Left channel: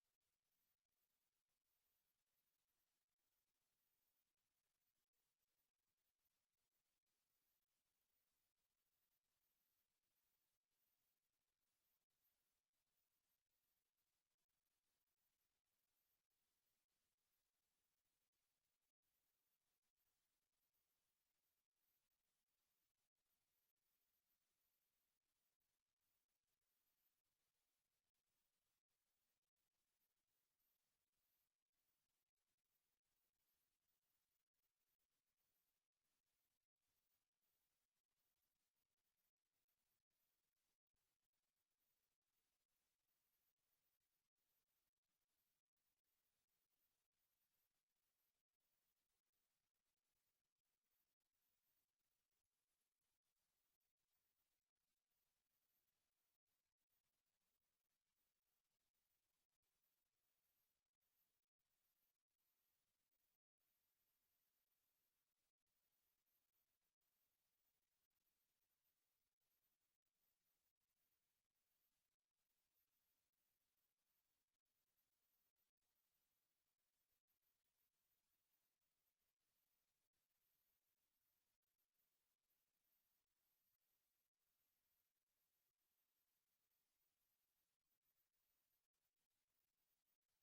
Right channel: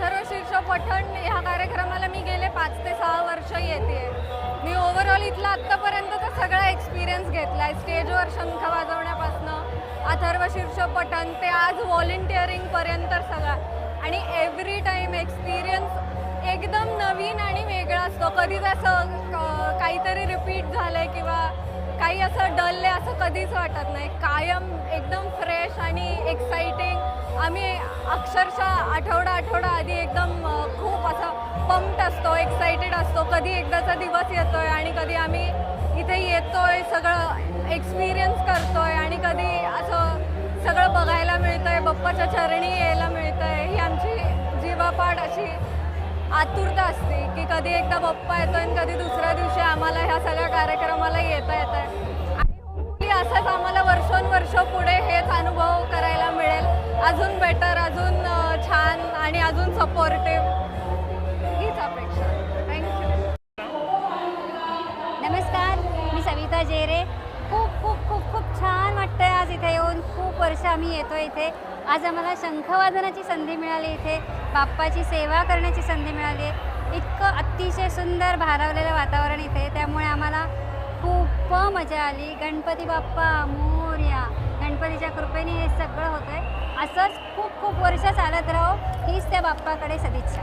अथर्व शीर्ष पठण ह्या कार्यक्रमाला मी गेले पाच ते सहा वर्ष येते. मी ओव्हरऑल इथला आत्तापर्यंतचा सगळा एक्सपिरियन्स घेतला आहे स्टेजवर शंख वाजवण्यापासनं अथर्व शीर्ष पठण ते आज व्हॉलेंटिअरिंगपर्यंत सगळा. आणि एव्हरी टाईम एक्सपिरियन्स एकदम नवीन आणि वेगळा असतो. कधीच असं काहीतरी रिपीट झालंय किंवा काही असं डलले असं कधीच वाटत नाही. कायम एकदम फ्रेश आणि एक्साइटिंग आम्ही अक्षरशः आठवडा आठवडा आधी एकदम खूप असं पंप्ट असतो एक्साइटेड असतो. कधी एकदाचा दिवस येतोय आणि कधी आम्ही इथे येतोय सगळं एक्सपिरियन्स करतोय आणि कधी असं सगळं बघायला मिळतंय बप्पाच्या चरणी यायला मिळतंय. ही आमची जीवापाड अशी आतुरता असते की कधी एकदा पप्पा येतो आणि कधी दुसऱ्या दिवशी आम्हाला ह्या सगळ्या कार्यक्रमाला येता येत आहे आणि असंच आम्हाला वर्षोनवर्ष पुढे हेच अनुभव करायला मिळेल. अजून बेटर अजून छान आणि अजून सपोर्टिव्ह हीच अपेक्षा. थँक्यू नमस्कार मी सविता जेरे खूप खूप खूप खूप छान वाटतंय आज इथे येऊन खूप वर्ष आम्ही येतो इथे. आज आम्हाला शंखवादनाची संधी मिळाली इथे. बाप्पाची सेवा करण्याची संधी मिळाली. आहे इतकं अतिशय सुंदर भारावलेलं वातावरण इथे. त्यामुळे आम्हाला खूप मजा आली. गणपती बाप्पा मोर्या. गणपतीच्या कृपेने हे सगळं होतं आहे असंच खूप खूप वर्ष चालत राहो. हीच त्या बाप्पाकडे सदिच्छा.